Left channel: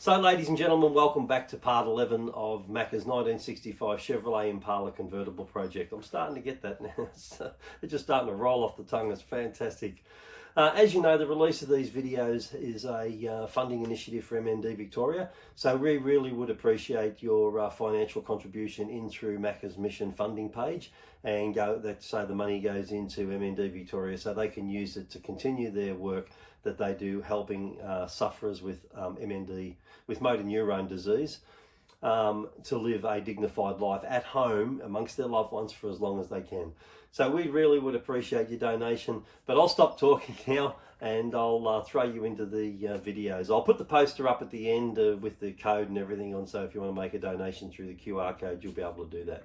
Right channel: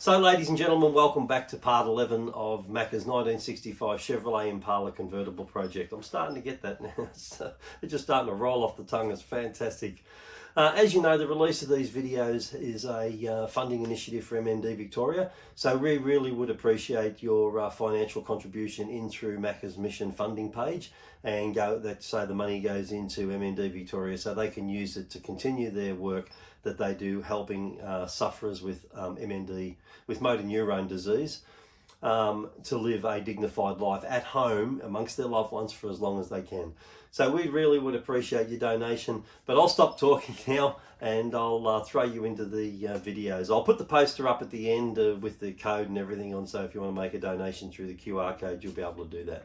So ladies and gentlemen, welcome back to part 11 of Macka's 1965 Chevrolet Impala Convertible project. I'm starting to get that now. It's just starting to roll off the tongue. It's fantastic. As you know, the release of these videos is a funding initiative for MND Victoria. So we really would appreciate your financial contribution in through Macka's mission funding page, and so the money goes into MND Victoria so they can use it to continue their work that they do helping sufferers with with motor neurone disease to live a dignified life at home amongst their loved ones for as long as they can. So we really would appreciate your donation, but I'll stop talking now and I'll throw you into the videos. I'll put the poster up at the end with the code and everything on, so if you want to make a donation through the QR code, you'll be able to do that.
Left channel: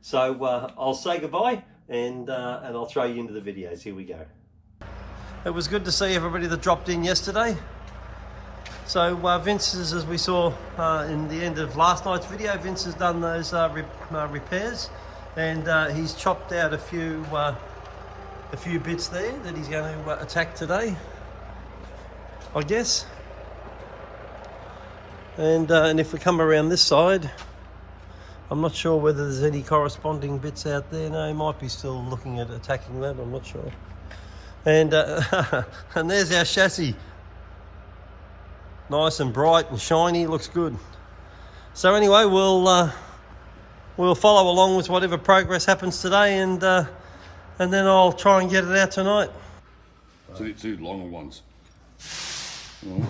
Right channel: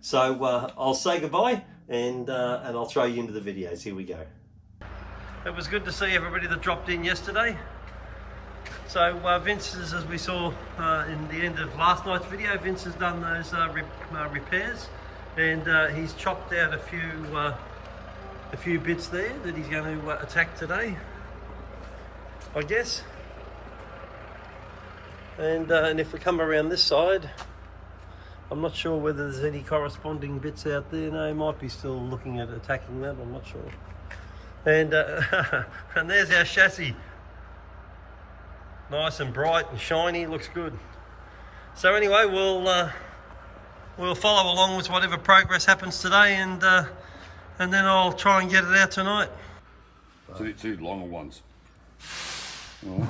So I'll say goodbye and I'll throw you into the videos. Here we go. It was good to see everybody that dropped in yesterday. So Vince has, as we saw in the end of last night's video, Vince has done those repairs, and he's chopped out a few bits there that he's going to attack today, I guess. And if we come around this side, I'm not sure whether there's any corresponding bits out there. No, he might be still looking at attacking that, I'm not sure. And and there's our chassis. Nice and bright and shiny, looks good. So anyway, we'll follow along with whatever progress happens today, and then I'll try and get it out tonight. Two longer ones. Oh,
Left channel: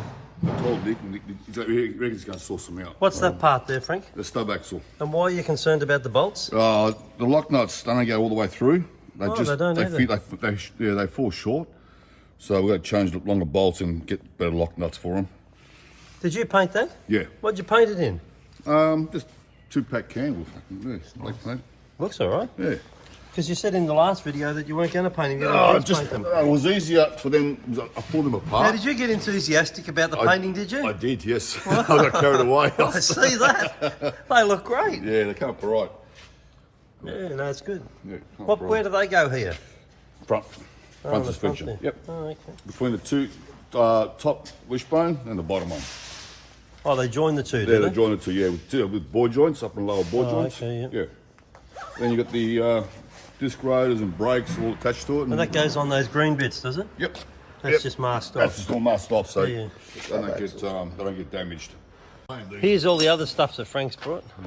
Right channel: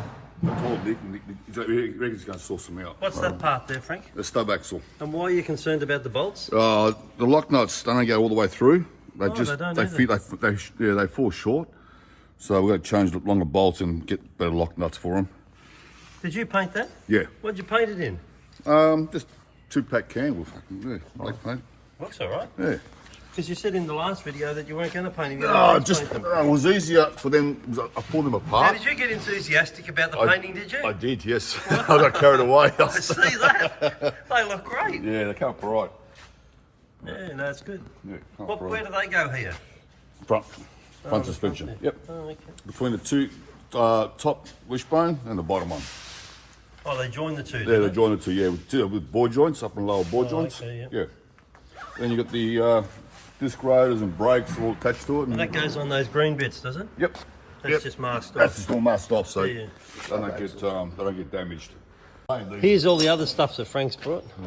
I told Nick he reckons he's going to sort them out. What's that part there, Frank? The stub axle. And why are you concerned about the bolts? The lock nuts don't go all the way through. They they fall short. So we've got to change the longer bolts and get better lock nuts for them. Did you paint that? Yeah. What'd you paint it in? Just 2-pack can. Yeah, black paint. Looks all right. Yeah. Because you said in the last video that you weren't going to paint them. It was easier for them. I pulled them apart. Now, did you get enthusiastic about the painting, did you? I did, yes. I got carried away. I see that. They look great. Yeah, they come up all right. Yeah, no, it's good. Yeah, where do they go here? Front suspension. Front, yep. Oh, okay. Between the two top wishbone and the bottom one. Oh, they join the two. Yeah, they join the two. Yeah, with board joints, up and lower board joints. Okay, yeah. Then you got the disc rotors and brakes all attached to it. And that goes on those green bits, does it? Yep. That's just masked off. That's just all masked off, so yeah. they don't get damaged. Here's all the other stuff that Frank's brought. Yeah.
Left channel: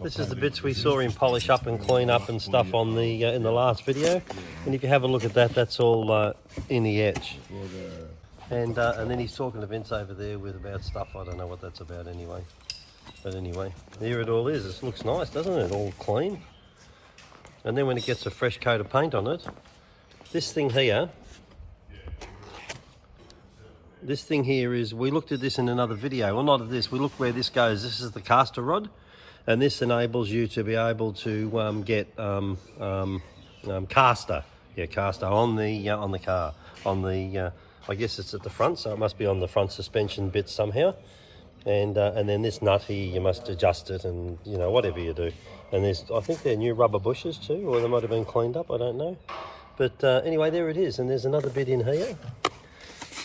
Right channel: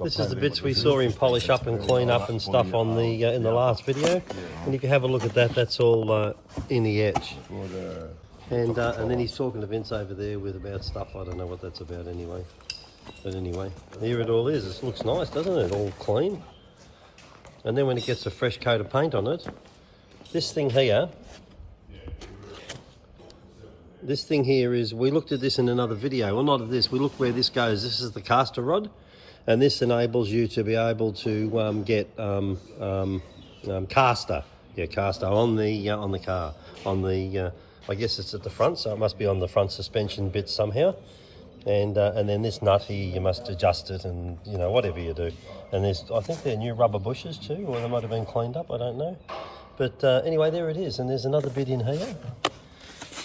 This is the bits we saw him polish up and clean up and stuff on the in the last video. And if you have a look at that, that's all in the edge. And then he's talking to Vince over there about stuff. I don't know what that's about anyway. But anyway, here it all is. It looks nice, doesn't it? All clean. And then when it gets a fresh coat of paint on it, this thing here is, we looked at this in another video. Well, not of this. We looked where this goes. This is the caster rod. And this enables you to be able to get caster on the car. I guess it's at the front, so it must be on the front suspension bit somehow. And then this nut here, you must adjust it, and whatever you do. And I think they're new rubber bushes too, or they might have been cleaned up. I don't know. But anyway, there it is. And there's another bit in here,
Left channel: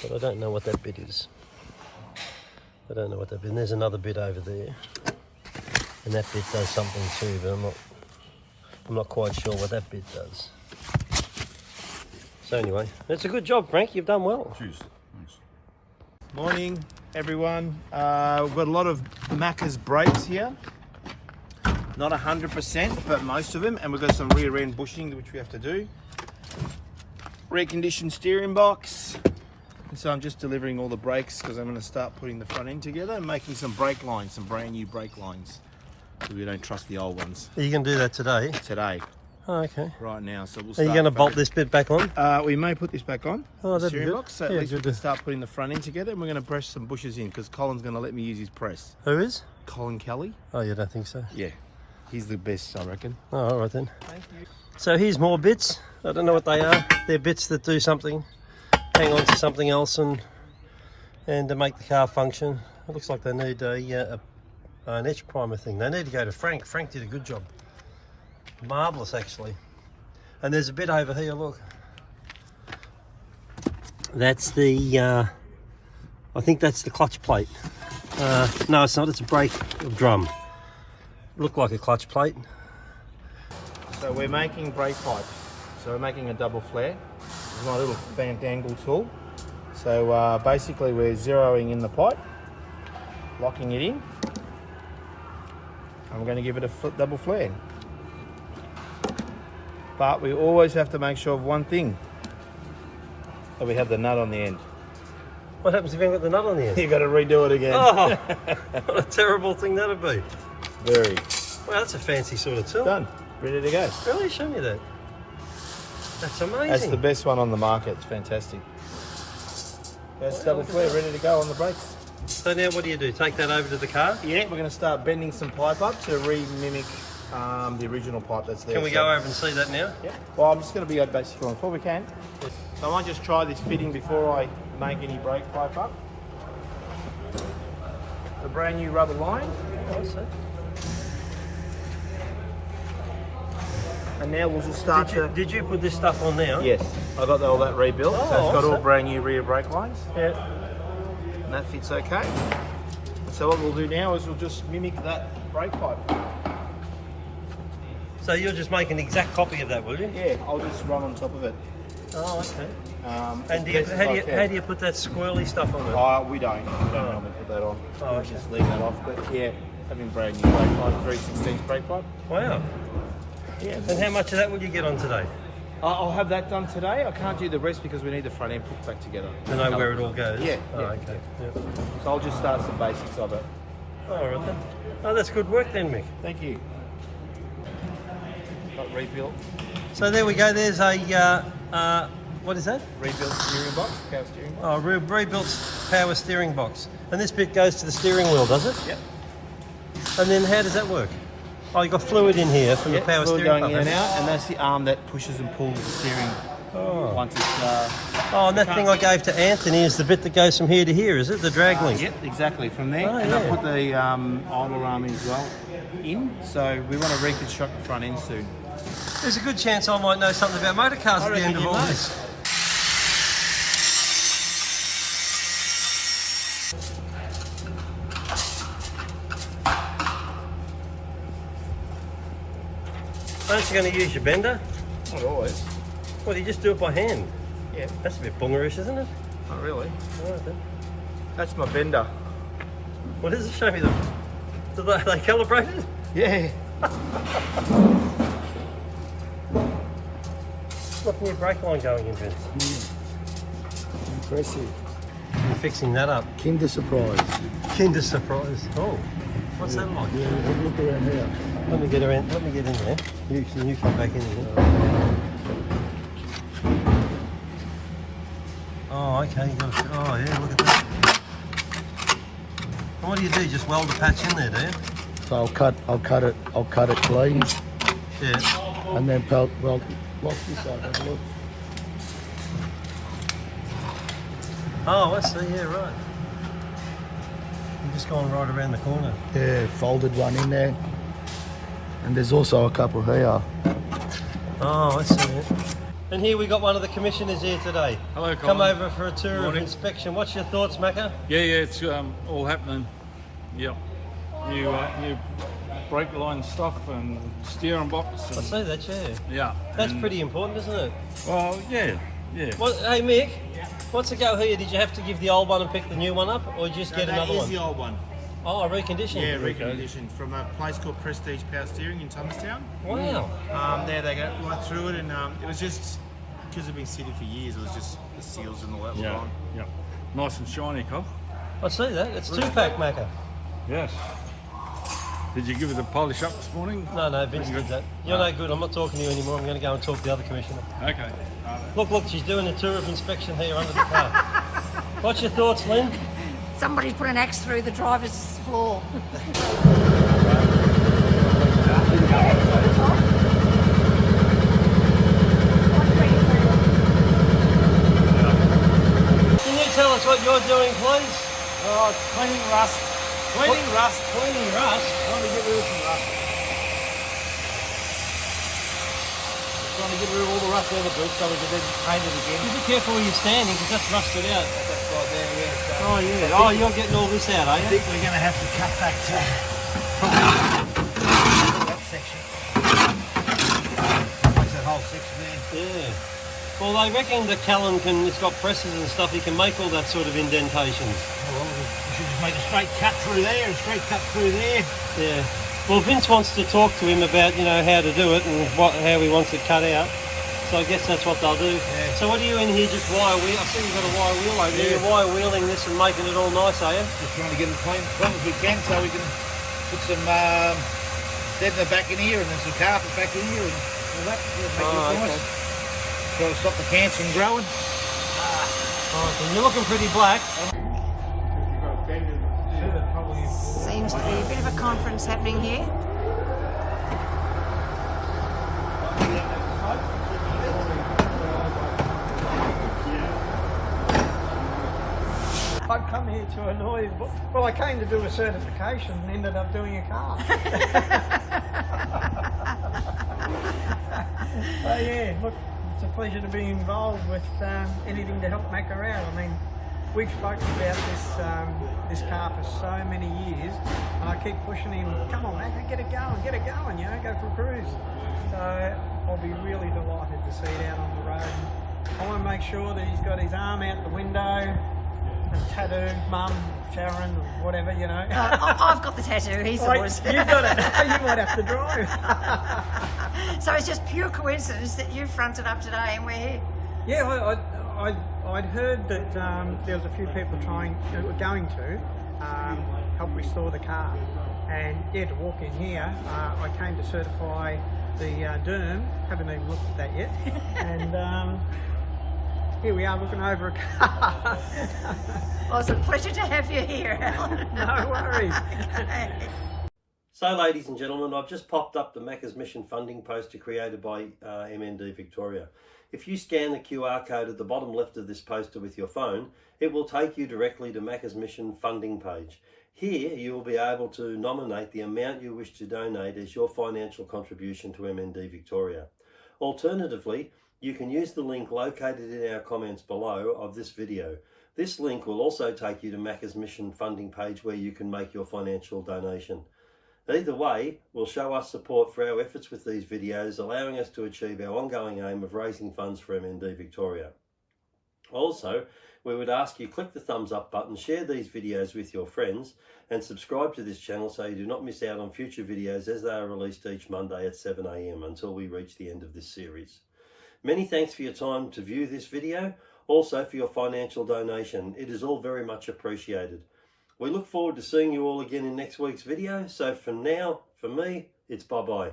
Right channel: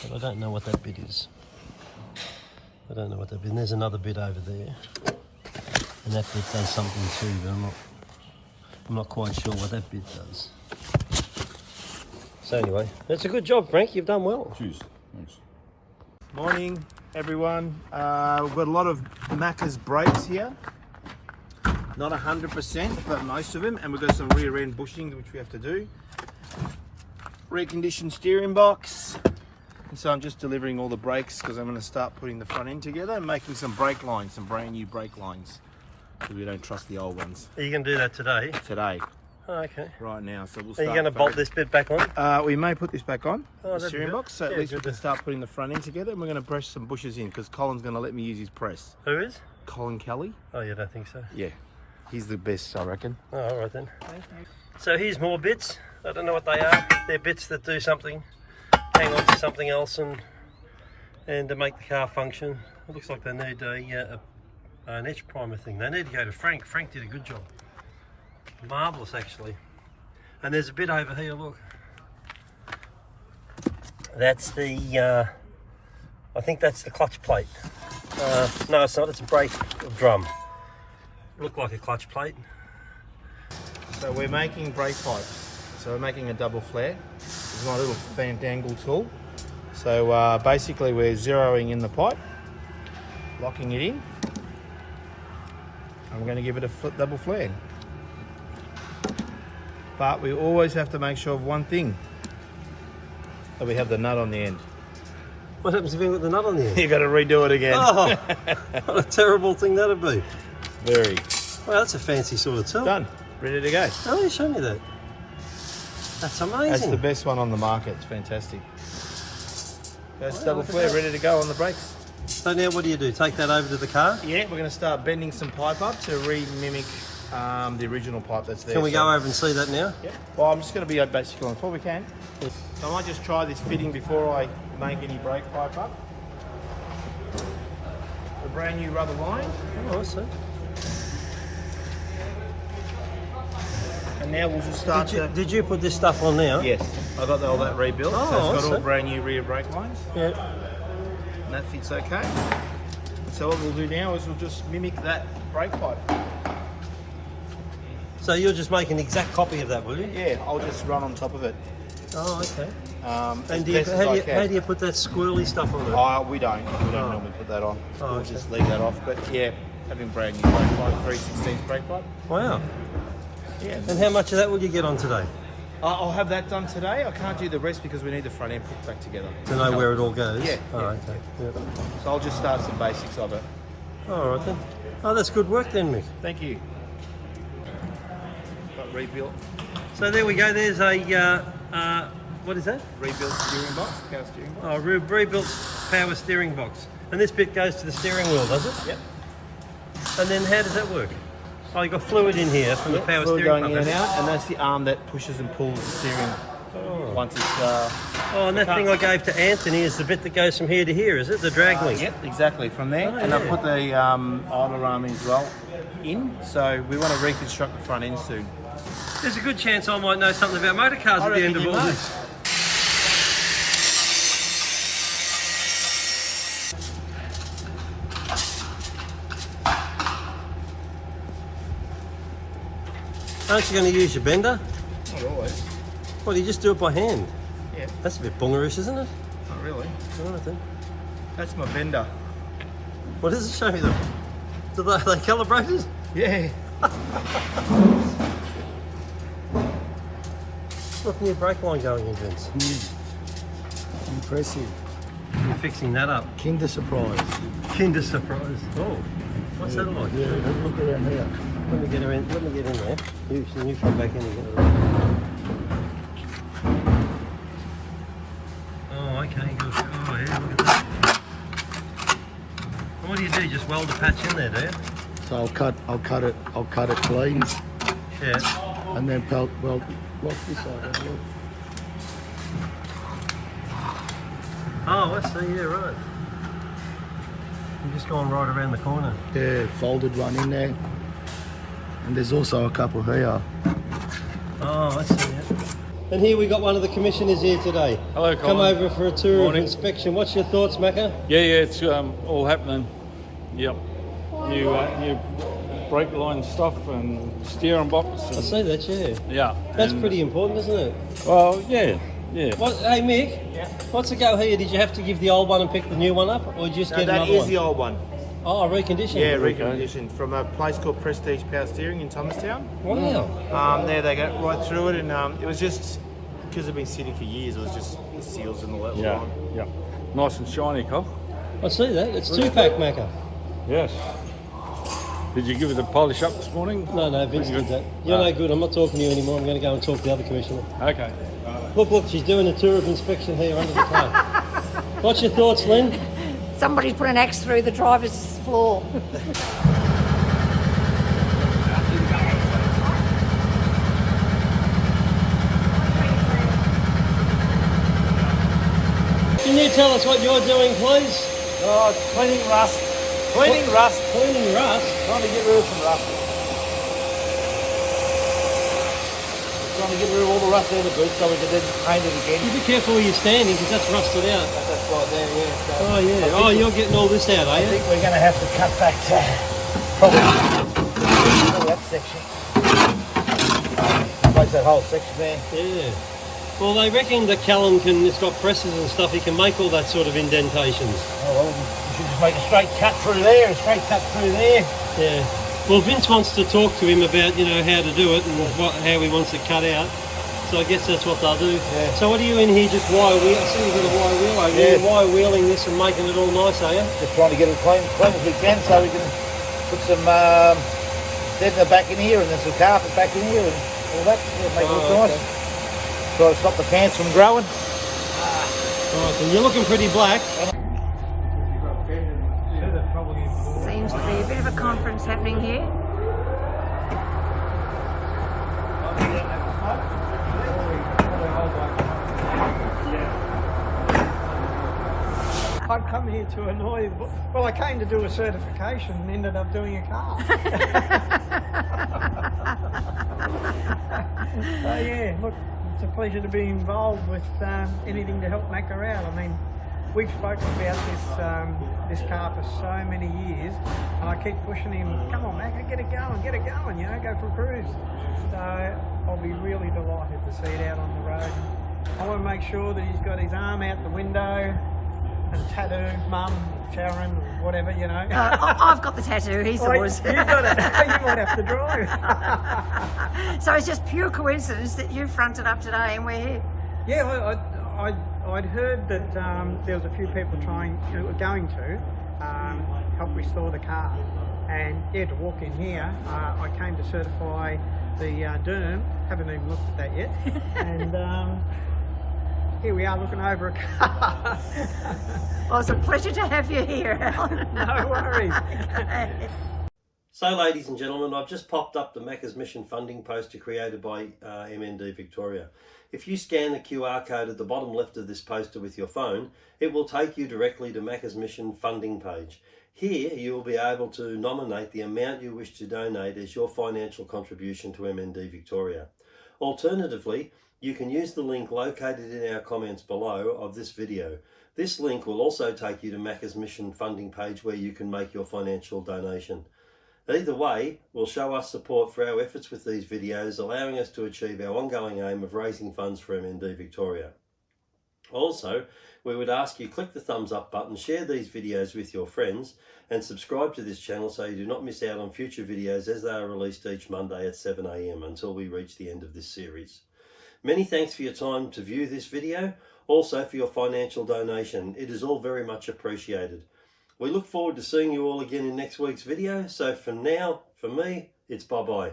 but I don't know what that bit is. I don't know what that bit. And there's another bit over there. And that bit does something too, but I'm not quite sure what that bit does. So anyway, that's a good job, Frank. You've done well. Cheers. Thanks. Morning, everyone. We've got a lot of Macka's brakes here. Not 100%, but most of them. And we've got some rear end bushing, which we have to do. Reconditioned steering box. And so I'm just delivering all the brakes because I'm going to start putting the front end together and making some brake lines, some brand new brake lines. Because we don't trust the old ones. Are you going to do that today? Today. Oh, okay. Right now. So we'll Are start. you going to bolt this bit back on? We may put this back on, the steering box, so at least we can start putting the front end together, and we're going to brush some bushes in because Colin's going to let me use his press. Who is? Colin Kelly. Oh, you don't think so? Yeah. He's the best, I reckon. Oh, all right then. Thank you. So here's more bits. I don't know what they are. They're bits that do something, hang on to something else, and to make the car function. It looks like they need an etch primer thing. They need to go to Frank. Frank did a good job. Marvellous, actually. And there's a bit over here, look. That's the, I think that's the clutch plate. No, it's not. It's a brake drum. Look like a clutch plate. So we're making brake pipes. So we're making a double flare. This is my little fandangle tool. So basically we're zeroing in the pipe, locking it in, and we're going to give it a double flare. But we always have to make sure of one thing, that we have the nut on the end. What happens if you haven't got the nut on the end? You've got to redo it again. Oh, what a terrible thing that'd be. Very. Well, that's a fancy sort of tool. Done. Ready to go. Really? Show me that. That's amazing. That's the best one on the market. It's fantastic. That's double flare, ready to go on the brakes. So now what do? Take that over to the car? Yeah, we're going to start bending some pipe up to re-mimic the original pipe that's there. Can we go over and see that now? Yeah. Well, I'm just going to be basically on before we can. So I might just try this fitting before I make any brake pipe up. A brand new rubber line. Awesome. And now we'll just start Did you put this stuff on now? Yes, I got all that rebuilt, so it's got all awesome. brand new rear brake lines. Yeah. And that fits okay. So what we'll do now is we'll just mimic that brake pipe. So you're just making an exact copy of that, will you? Yeah, I'll just run on top of it. Oh, okay. And How do you put that squirrely stuff on it? Oh, we don't normally put that on. Oh, We'll okay. just leave that off. But yeah, having brand new brake pipe, 3/16 brake pipe. Wow. Yeah. And how much of that will you get on today? I'll have that done today. I can't do the rest because we need the front end put back together. To know where it all goes? Yeah, Oh, yeah, okay. Yeah. So I'll just start some basics of it. All right then. Oh, that's good work then, Mick. Thank you. Got rebuilt. So there we go. There's a, what is that? Rebuilt steering box, power steering box. Oh, rebuilt power steering box. And this bit goes to the steering wheel, does it? Yeah. And then how does that work? Oh, you got fluid in here from the power fluid steering going in and pump. out, and that's the arm that pushes and pulls the steering once it's. Oh, and that thing I gave to Anthony is the bit that goes from here to here, is it? The drag link? Yep, exactly. From there, and I put the idler arm as well in. So we want to reconstruct the front end soon. There's a good chance I might know something about motor cars I at the end reckon of you all may. this. Aren't you going to use your bender? Not always. Well, you just do it by hand. Yeah, That's a bit bungerish, isn't it? not really. All right then. That's my bender. What does it show me them? Do they calibrated? Yeah. Look, new brake line going in, Vince. Impressive. You're fixing that up. Kinder surprise. Kinder surprise. Oh, what's that like? Yeah, look around there. Let me get around. Let me get in there. You can back in here. Oh, okay. Oh, yeah. Look at that. And what do? Just weld the patch in there, do you? So I'll cut it clean, Yeah. and then weld this up. Look. Oh, I see. Yeah, right. You're just going right around the corner. Yeah, folded one in there, and there's also a couple here. Oh, I see it. And here we got one of the commissioners here today. Hello, Come Colin. over for a tour Morning. of inspection. What's your thoughts, Macka? Yeah, it's all happening. Yep. New brake line stuff and steering box. I And, see that, yeah. yeah. That's and- pretty important, isn't it? Well, yeah. What, hey, Mick, what's the go here? Did you have to give the old one and pick the new one up, or just No, get that another is one? the old one. Oh, reconditioned. Yeah, reconditioned from a place called Prestige Power Steering in Thomastown. Wow. There they go right through it, and it was just because it's been sitting for years. It was just the seals and all that were Yeah. on. Yeah. Nice and shiny, Cole. I see that. It's two-pack, Macka. Yes. Did you give it a polish up this morning? No, Vince did that. You're no good. I'm not talking to you anymore. I'm going to go and talk to the other commissioner. Okay. Look, she's doing a tour of inspection here under the car. What's your thoughts, Lynn? Somebody's put an axe through the driver's floor. Can you tell us what you're doing, please? Oh, it's cleaning rust. Cleaning rust. Cleaning rust. Trying to get rid of some rust. trying to get rid of all the rust out of the boot so we can then paint it again. You be careful where you're standing because that's rusted out. That's right there, yeah. So Oh yeah. Oh, you're getting all this out, are I you? think we're going to have to cut back to probably that section. Replace that whole section there. Yeah. Well, they reckon that Callan it's got presses and stuff, he can make all that sort of indentations. Oh, well, we should just make a straight cut through there, a straight cut through there. Yeah. Well, Vince wants to talk to him about, how to do it and how he wants it cut out. So I guess that's what they'll do. Yeah. So what are you in here just wire wheel? I see you've got a wire wheel over here. You're wire wheeling this and making it all nice, are you? Just trying to get it clean as we can so we can put some deadener back in here and then some carpet back in here and all that. Yeah, make it look nice. Okay. Try to stop the cans from growing. Right, and you're looking pretty black. Seems to be a bit of a conference happening here. I'd come here to annoy. Well, I came to do a certification and ended up doing a car. So yeah, look, it's a pleasure to be involved with anything to help Macka out. I mean, we've spoken about this car for so many years, and I keep pushing him. Come on, Macka, get it going, go for a cruise. So I'll be really delighted to see it out on the road. I want to make sure that he's got his arm out the window. And tattoo, Mum, Sharon, whatever, I've got the tattoo, he's the worst. You've got it. You might have to drive. So it's just pure coincidence that you fronted up today and we're here. Yeah, I'd heard that there was a few people going to help restore the car. And yeah, to walk in here, I came to certify the DERM. Haven't even looked at that yet. And here we are looking over a car. Well, it's a pleasure to have you here, Alan. No worries. So, ladies and gentlemen, I've just popped up the Macka's Mission funding poster created by MND Victoria. If you scan the QR code at the bottom left of this poster with your phone, it will take you directly to Macka's Mission funding page. Here, you will be able to nominate the amount you wish to donate as your financial contribution to MND Victoria. Alternatively, you can use the link located in our comments below of this video. This link will also take you to Macka's Mission funding page where you can make your financial donation. Either way will show us support for our efforts with these videos, allowing us to achieve our ongoing aim of raising funds for MND Victoria. Also, we would ask you click the thumbs up button, share these videos with your friends, and subscribe to this channel so you do not miss out on future videos as they are released each Monday at 7 AM until we reach the end of this series. Many thanks for your time to view this video, also for your financial donation. It is all very much appreciated. We look forward to seeing you all again in next week's video. So for now, for me, it's bye-bye.